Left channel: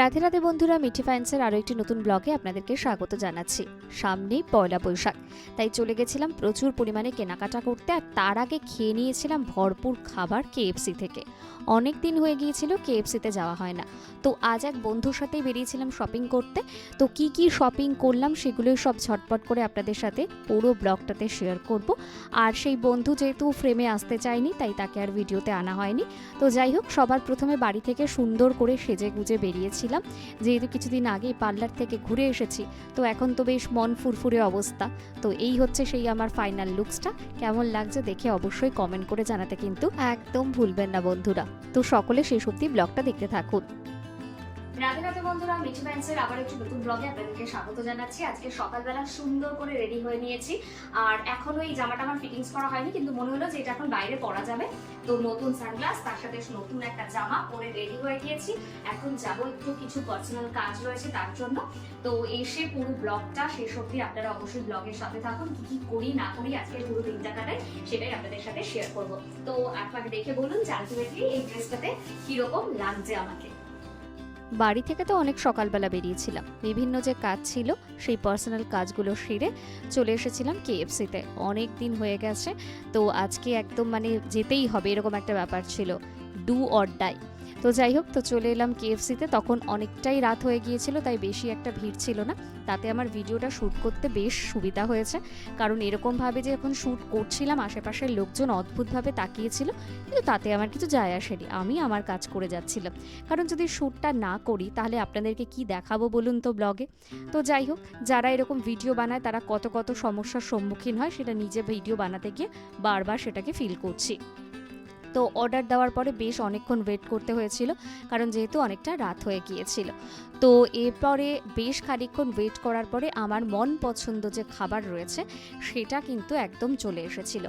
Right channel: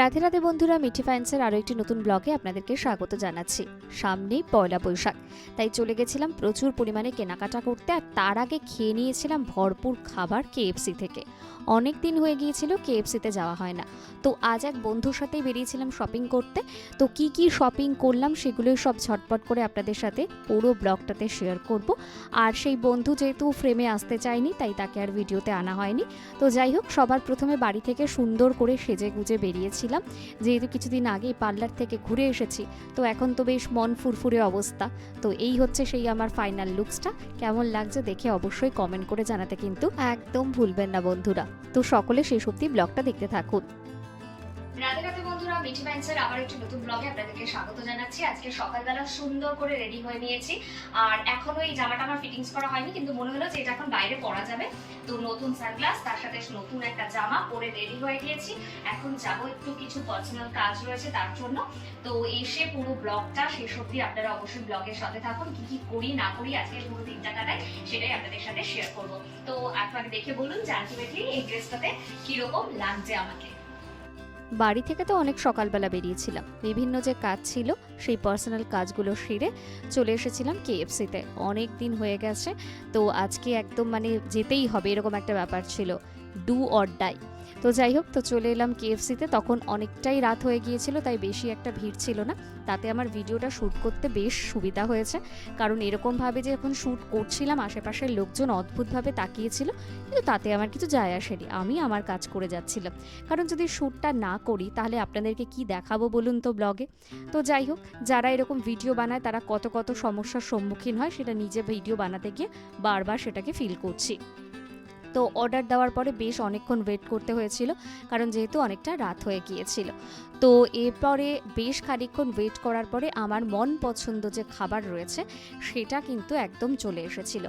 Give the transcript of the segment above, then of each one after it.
রাধে রাধে বন্ধুরা, মিঠি ফাইন্সের আরও একটি নতুন ব্লগে আপনাদেরকে স্বাগত জানাচ্ছি। সামনেই পয়লা বৈশাখ, তাই চলে গেছিলাম প্রচুর পরিমাণে কেনাকাটা করতে আর তার আগে খেয়ে নিয়েছিলাম ভরপুর খাবার কেএফসি থেকে। অনেক দিন হয়ে গিয়েছিল, কেএফসিতে যাওয়া হয় না। তো আজ এক বন্ধুর সাথেই বেরিয়েছিলাম শপিং করতে। তো কি কি শপিং করলাম সেগুলোই সব ঝটপট করে আপনাদের সাথে পুরো ব্লগটাতে শেয়ার করব। আর সেই বন্ধু যেহেতু ফ্রেমে আসতে চায়নি, তাই তাকে আর ভিডিওতে আনা হয়নি। তো যাই হোক, সবার প্রথমে বাড়ি থেকে সুন্দর করে সেজে গুজে বেরিয়েছিলাম যেহেতু কিছুদিন আগে পার্লার থেকে ঘুরে এসেছি। তো এখন তো বেশ মন ফুরফুরে অবস্থা। তো এই হচ্ছে সেই আমার ফাইনাল লুকসটা কেমন লাগছে দেখে অবশ্যই কমেন্ট করে জানাতে কিন্তু একদম ভুলবেন না বন্ধুরা। তো সকলে শেষ অব্দি ব্লগটা দেখতে থাকুন। রাধে রাধে বন্ধুরা, মিঠি মাইন্সের আবার একটি নতুন ব্লগে আপনাদেরকে স্বাগত জানাচ্ছি। আজকে সকালবেলা সুন্দর করে রেডি হয়ে নিয়েছি। আর এখনও এই জামাটা আমার ফিটিংস করা হয়নি, কিন্তু মনে হলো যে এটা এখন বাইরে পরা যাবে। তো নতুন সানগ্লাস তার সাথে নতুন একটা জামা পরে রেডি হয়ে গিয়েছি। এখন যাব একটু কিছু পার্সোনাল কাজ রয়েছে তার জন্য। তো এসে পুরো ব্লগটা শেষ অবধি আপনারা অবশ্যই ব্লগের সাথে থাকুন, কি কি করি, না করি, আজকে পুরো দিনটা কাটাই, সেটাই আপনাদের সাথে শেয়ার করব। তো আপনাকে দেখে বলুন যে আলটিমেটলি এই ড্রেসটাতে কীরকম লাগছে আমাকে। বাড়ি থেকে তো অনেক সকালবেলা বেরিয়েছিলাম। বিভিন্ন যে কাজ ছিল, সেই পার্সোনাল কাজগুলো সেরে চলে এসেছিলাম কেএফসিতে অনেক দিন হয়ে গেছে, তো আজকে একদম মানে যেতেই হবে, এরকম একটা ব্যাপার ছিল। ডু অর ডাই তো যাই হোক, তো চলে এলাম কেএফসিতে। তখন অনেকটাই রাত হয়ে গিয়েছিল, তাই বেশি একটা ভিড় ছিল না। তাতে আমার ভিডিওটা শ্যুট করতে বেশ সুবিধা হয়েছে। কারণ এরকমভাবে যে এখন শ্যুট করছিলাম, আশেপাশের লোকজন অদ্ভুতভাবে তাকিয়েছিল, কিন্তু তাতে আমার কিছু যায় আসেনি। আমি আমার কাজ করে যাচ্ছিলাম। কারণ যদি শ্যুটটা না করি, তাহলে আপনাদেরকে কি দেখাবো বলুন তো ব্লগে? তো যাই হোক, যারা এরকম ভিডিও বানায়, তারা কত কত সমস্যার সম্মুখীন হয়, সেটা নিজে ভিডিও বানাতে গিয়ে বারবার সেটাকে ফিল করছি। তো অর্ডার দেওয়ার পরে বেশ অনেকক্ষণ ওয়েট করতে হয়েছিল, কারণ যেহেতু অনেকটা রাত হয়ে গিয়েছিল। তো এরপরে বেশ খানিকক্ষণ ওয়েট করার পরে আমার মন পছন্দ যে খাবার রয়েছে, সেটা কিন্তু একদম চলে এসেছিল।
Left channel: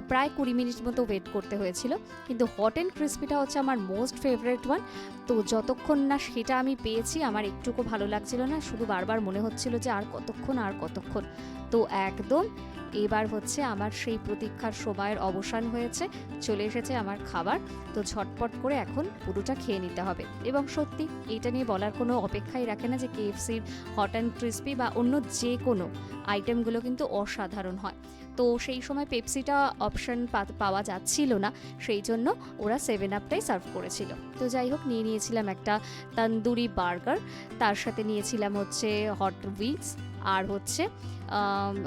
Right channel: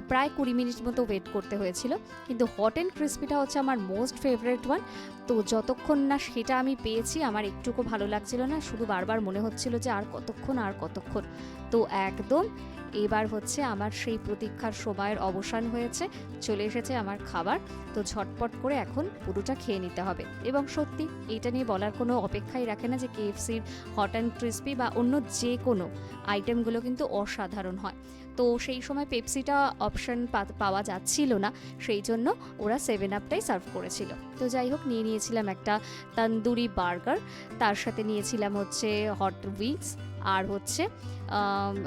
প্রায় কুড়ি মিনিট মতো ওয়েট করতে হয়েছিল। কিন্তু হট অ্যান্ড ক্রিস্পিটা হচ্ছে আমার মোস্ট ফেভারেট ওয়ান তো যতক্ষণ না সেটা আমি পেয়েছি, আমার একটুকু ভালো লাগছিল না। শুধু বারবার মনে হচ্ছিল যে আর কতক্ষণ আর কতক্ষণ। তো একদম এবার হচ্ছে আমার সেই প্রতীক্ষার সময়ের অবসান হয়েছে। চলে এসেছে আমার খাবার। তো ঝটপট করে এখন পুরোটা খেয়ে নিতে হবে। এবং সত্যি এটা নিয়ে বলার কোনো অপেক্ষাই রাখে না যে কেএফসির হট অ্যান্ড ক্রিস্পি বা অন্য যে কোনো আইটেমগুলো কিন্তু অসাধারণ হয়। তো সেই সময় পেপসিটা অপশন পাওয়া যাচ্ছিল না, সেই জন্য ওরা সেভেন আপটাই সার্ভ করেছিল। তো যাই হোক, নিয়ে নিয়েছিলাম একটা তন্দুরি বার্গার, তার সাথে নিয়েছিলাম হচ্ছে হট উইংস আর হচ্ছে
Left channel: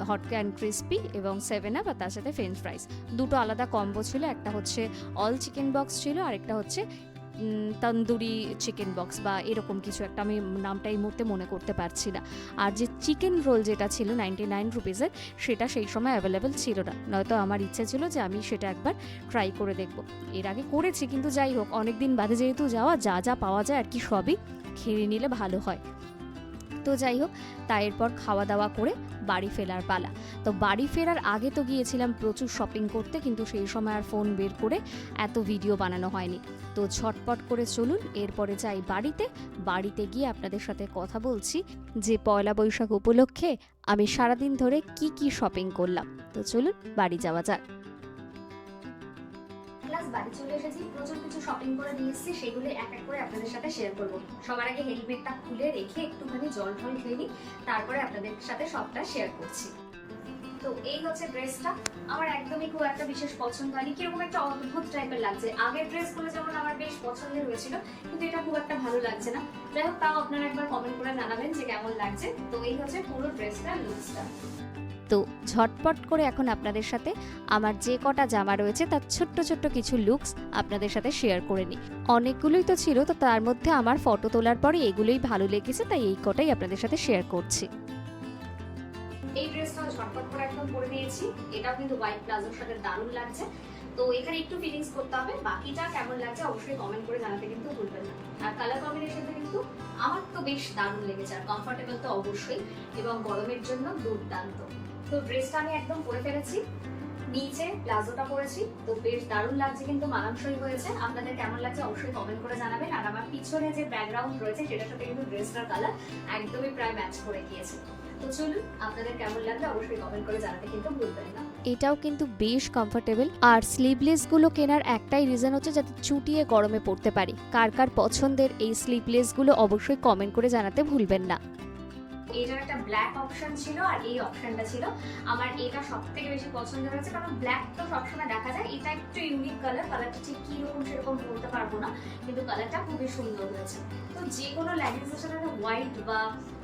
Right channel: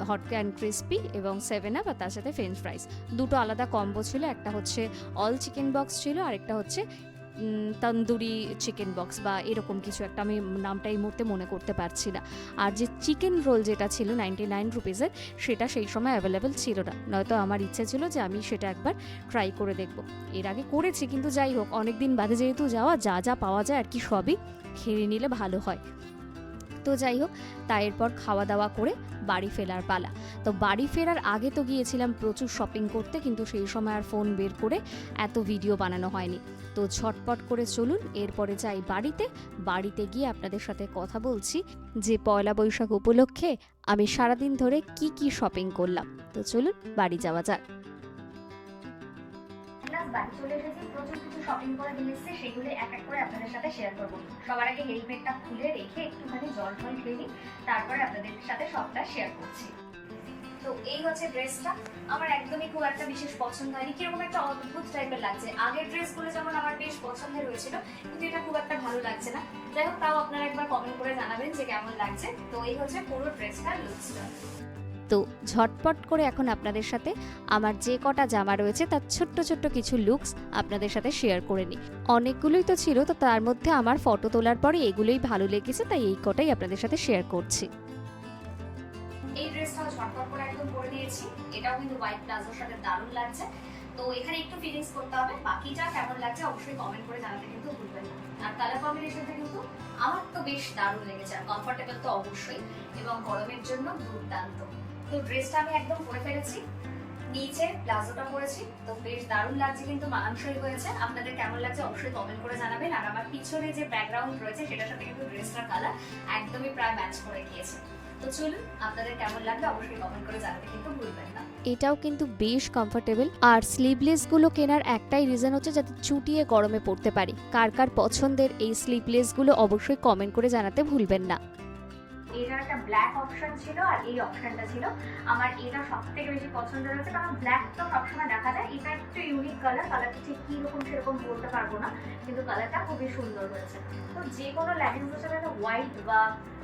হট অ্যান্ড ক্রিস্পি এবং সেভেন আপ আর তার সাথে ফ্রেঞ্চ ফ্রাইস দুটো আলাদা কম্বো ছিল, একটা হচ্ছে অল চিকেন বক্স ছিল আর একটা হচ্ছে তন্দুরি চিকেন বক্স বা এরকম কিছু একটা আমি নামটা এই মুহূর্তে মনে করতে পারছি না। আর যে চিকেন রোল যেটা ছিল নাইনটি নাইন রুপিসের সেটা সেই সময় অ্যাভেলেবেল ছিল না। নয়তো আমার ইচ্ছে ছিল যে আমি সেটা একবার ট্রাই করে দেখব। এর আগে করেছি, কিন্তু যাই হোক অনেক দিন বাদে যেহেতু যাওয়া, যা যা পাওয়া যায় আর কি সবই খেয়ে নিলে ভালো হয়। তো যাই হোক তা এরপর খাওয়া দাওয়া করে বাড়ি ফেরার পালা। তো বাড়ি ফেরার আগে তো গিয়েছিলাম প্রচুর শপিং করতে, কিন্তু সেই সময় আর ফোন বের করে এত ভিডিও বানানো হয়নি। তো ঝটপট করে চলুন, এরপরে যাই বাড়িতে। বাড়িতে গিয়ে আপনাদের সাথে কথা বলছি যে পয়লা বৈশাখ উপলক্ষে আমি সারাদিন ধরে কি কি শপিং করলাম। তো চলুন, বাড়ি যাওয়া যাক। ক্লাস বাড়ি চলে এসেছি। প্রচুর কিছু শপিং করে নিয়ে এসেছি, সেগুলো এক এক করে আপনাদের সাথে শেয়ার করব। সবার আগে হেলমেটটা খুলে রেখে একটুখানি জল টল খেয়ে নিই, তারপরে আপনাদের সাথে সবটা শেয়ার করছি। তো এই হচ্ছে ড্রেসটা। আমার একদমই খুব একটা বিশেষ পছন্দ হয়নি। কীরকম একটা অদ্ভুত টাইপের লাগছে। আগের ড্রেসগুলো যেমন আমার বেশ পছন্দের হয়েছিল, কিন্তু এটা খুব একটা ভালো লাগছে না। যাই হোক, তাও আপনারা একবার কমেন্ট করে জানাবেন যে কেমন লাগছে। তো এই হচ্ছে পুরো ড্রেসটা লুকসটা তো ঝটপট করে এখন আপনাদের সাথে আমার যে কটা জামা রয়েছে, তার ছোট্ট ছোট্ট কিছু লুকস আপনাদের সাথে শেয়ার করে নিই। অনেকগুলোই তো ছিল, তো তার মধ্যে আমার ফটো তোলার পরে এগুলোই ভালো লেগেছে, তাই এই কটাই আপনাদের সাথে শেয়ার করছি। এই ড্রেসটাও ঝটপট করে একদম পরে নিয়েছি। কিন্তু হোয়াইট প্লাজোর সাথে দারুণ লাগছে। তো এখানে একটু ফিলিংস করতে হবে। বাকিটা কেমন লাগছে অবশ্যই কমেন্ট করে জানাতে কিন্তু ভুলবেন না। আর কালার কম্বিনেশনটা কিন্তু আমার তো বেশ দারুণ লেগেছে। আর তো অবশ্যই। এবং গরমের জন্য দুর্দান্ত। তো ড্রেসটা আমি একদম পরে ফেলেছি। নিচে প্লাজোটা পরেছি। তো বেশ দারুণ লাগছে কিন্তু, মানানসই হয়েছে। আপনাদের কেমন লাগছে অবশ্যই কমেন্ট করে জানাবেন। আর আমার পিছনে যে ব্যাকগ্রাউন্ড রয়েছে, সেটার সাথে কিন্তু ড্রেসটার কালার একদমই প্রায় ম্যাচ করে গিয়েছে। তো চলুন, আপনাদের কেমন লাগবে অবশ্যই কমেন্ট করে জানাতে কিন্তু ভুলবেন না। এটাও কিন্তু বেশ কমফোর্টেবল আর স্লিভলেসগুলো কেনার একটাই রিজন হচ্ছে যাতে চুটিয়ে গরমে পড়তে পারি। কার কার পছন্দের এই স্লিভলেসগুলো অবশ্যই কমেন্ট করে জানাতে ভুলবেন না। এটার একটা ব্ল্যাক অপশন ছিল আর এই অপশনটা ছিল। আমার এটা সব থেকে বেশি পছন্দ হয়েছে, কারণ ব্ল্যাক তো সবসময় দেখা যায়। এটা একটু ইউনিক কালার কালারটা ঠিক কীরকম সেরকম বলতে পারব না, কিন্তু কালারটা খুবই সুন্দর হয়েছে। তো যে কোনো লেগিংসের সাথে একটা হোয়াইট বা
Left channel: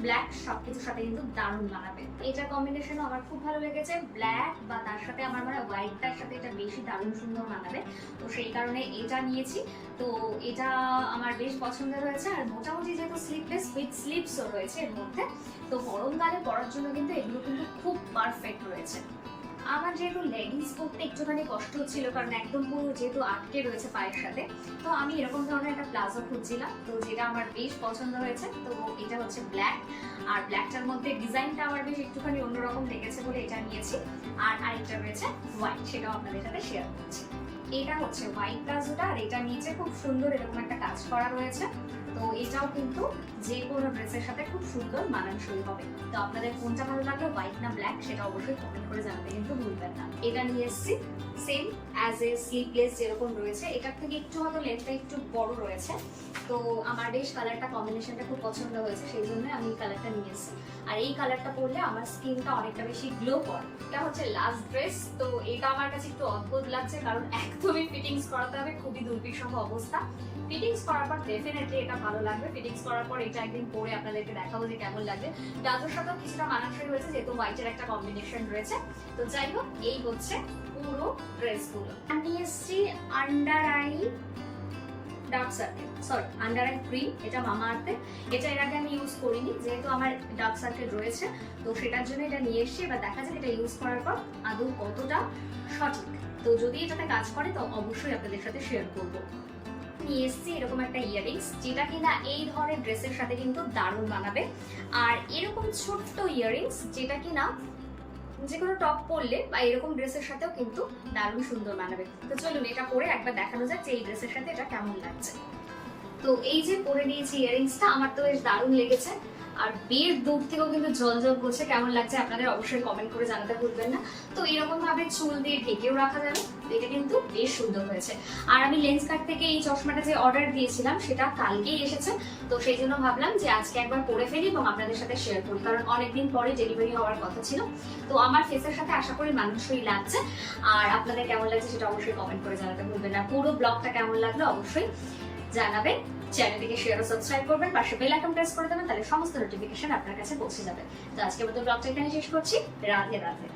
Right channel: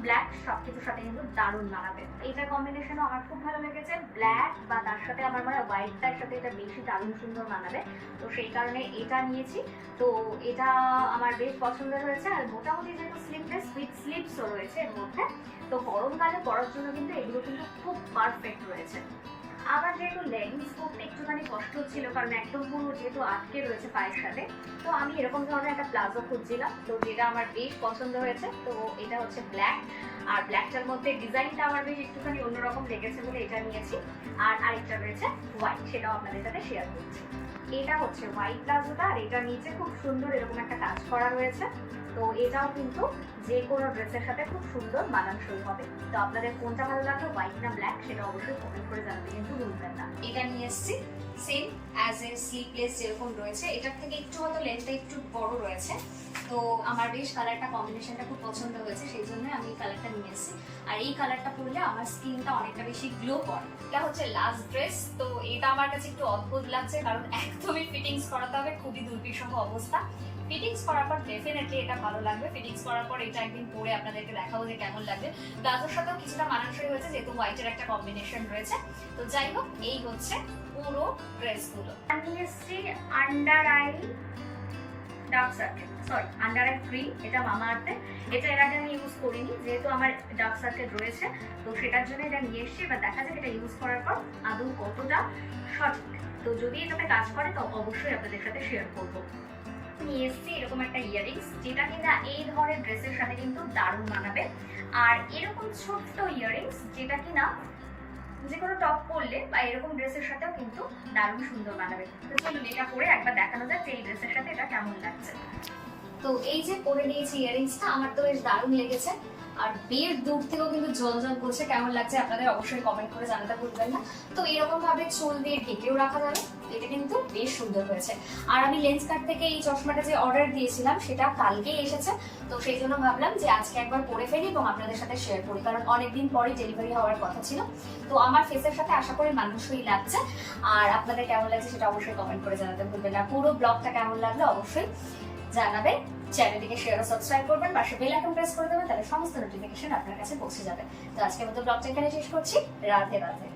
ব্ল্যাক সব কিছুর সাথে কিন্তু দারুণ মানাবে। এটার কম্বিনেশনও আমার খুব ভালো লেগেছে। ব্ল্যাক বা তার সাথে আমার মানে হোয়াইটটার সাথে এটা বেশি দারুণ সুন্দর মানাবে। তো সেই কারণে এটা নিয়েছি। তো এটা আমার বেশ পছন্দ হয়েছে। আর মোটামুটি যেহেতু স্লিপলেস উইথ স্লিপসও রয়েছে এর মধ্যে তো গরমকালে পরার জন্য কিন্তু এগুলো কিন্তু খুব পারফেক্ট রয়েছে। আমার যেহেতু লেগিংস পরতে একটুখানি কষ্ট হচ্ছিল, কারণ একদম পুরো যেহেতু আটকে রয়েছে পায়ের সাথে, তো আমি এরকম ধরনের একটা প্লাজো খুঁজছিলাম। তো যেটা আমার বেশ পছন্দ হয়েছে, তো এটা হচ্ছে ব্ল্যাক। আর ব্ল্যাকটার মধ্যে ডিজাইনটা আমার বেশ একটুখানি অন্যরকম লেগেছে বলে এটা নিয়েছি। আর আরেকটা রয়েছে হোয়াইট, সেটাও আপনাদের সাথে শেয়ার করছি। এটা হচ্ছে হোয়াইট প্লাজোটা আর এটা নিচে খুব সুন্দর এরকম একটা কাজ করা হয়েছে। তো এটাও কিন্তু যে কোনো ড্রেসের সাথে খুব সুন্দর মানানসই হবে। তো আপনাদের কোনটা ভালো লাগল হোয়াইট না ব্ল্যাক সেটা অবশ্যই কমেন্ট করে জানাতে কিন্তু ভুলবেন না। এটা নিয়ে এসেছি। সেম অ্যাজ এ স্লিপলেস যেরকম রয়েছে, এটার থেকে একটু হয়তো লেন্থটা একটু বড় রয়েছে। তো আমার বেশ কালারটা কম্বিনেশনটা খুব পছন্দ হয়েছে, সেই জন্য আমি এই কালারটা নিয়ে এসেছি। আর এই কালারটা পরলে আমার স্কিনটা অনেকটা বেশি গ্লো করে। এটা হচ্ছে লাস্ট ড্রেস তো এটা আমার কাছে একটু অদ্ভুত লাগছে, কারণ একদমই ফিটিংস করাতে হবে, খুবই দুর্বিষহ অবস্থা। ফিটিংস করার পর ডেফিনেটলি এটা ভালো লাগবে। ফিটিংস করার পর এটা একদিন পরে আপনাদেরকে দেখাবো যে কেমন লাগবে। প্লাজোর সাথেও কিছুটা মানানসই হয়েছে, যেহেতু হোয়াইটের একটা কম্বিনেশন রয়েছে। তো যাই হোক, এই হচ্ছে পুরো ড্রেসগুলো আমি এসেছি under eye dark circle sorry under eye cream এটা মামা আর্থে এটা এর আগে আমি ইউজ করিনি, যেহেতু আমার ডার্ক সার্কেল রয়েছে, তো সেটার জন্য এটা নিয়ে এসেছি। এবার দেখা যাক এটা ইউজ করার পর আদৌ কতটা সঠিক। তো যদি এটাতে কাজ করে, তো অবশ্যই আপনাদের সাথে শেয়ার করব। নিয়ে এসেছি এরকম একটা ইয়ারিংস যেটা কিনা এই ধরনের ড্রেসের সাথে কিন্তু দারুণ মানাবে। আর এরকম ছোট্ট ইয়ারিংস যেটা কিনা যে কোনো টপ পরলে বা এরকম ড্রেসের সাথেও কিন্তু দারুণ সুন্দর মানাবে তো চলুন এটা পরে একবার দেখানো যাক যে এই ড্রেসের সাথে এটা কেমন লাগছে। তো এই যে পরে নিয়েছি ইয়ারিংসটা আমার তো বেশ দারুণ লেগেছে। আর বের দূর থেকেও কিন্তু জল জল করছে। কেমন লাগছে আপনাদের অবশ্যই কমেন্ট করে জানাতে ভুলবেন না। তো এরকম ভাবে চুল দিয়ে ঢেকেও রাখা যাবে। এটা কিন্তু বেশ সুন্দর হয়েছে। আর আমি লেন্স কার্ড থেকে এই চশমাটা যে অর্ডার দিয়েছিলাম, সেটা কালকেই এসেছে। তো সেই জন্য ভাবলাম যে আজকে একবার পরে ফেলি এবং আপনাদের সাথে শেয়ার করি, কারণ অনেকদিন পরে ডেলিভারি হওয়ার কথা ছিল। তো আমার ফেসের সাথে আশা করি মানুষই লাগছে। আর আপনাদের কেমন লাগছে সেটা অবশ্যই কমেন্ট করে জানাতে ভুলবেন না। পুরো ব্লগটা কেমন লাগল অবশ্যই জানাবেন, চ্যানেলটিকে শেয়ার ও সাবস্ক্রাইব করবেন, পাশে বেল আইকন প্রেস করে দেবেন, তাহলে সমস্ত নোটিফিকেশন আপনার কাছে পৌঁছে যাবে। তো আজকে মতো ব্লগটা এখানে শেষ করছি। রাধে রাধে।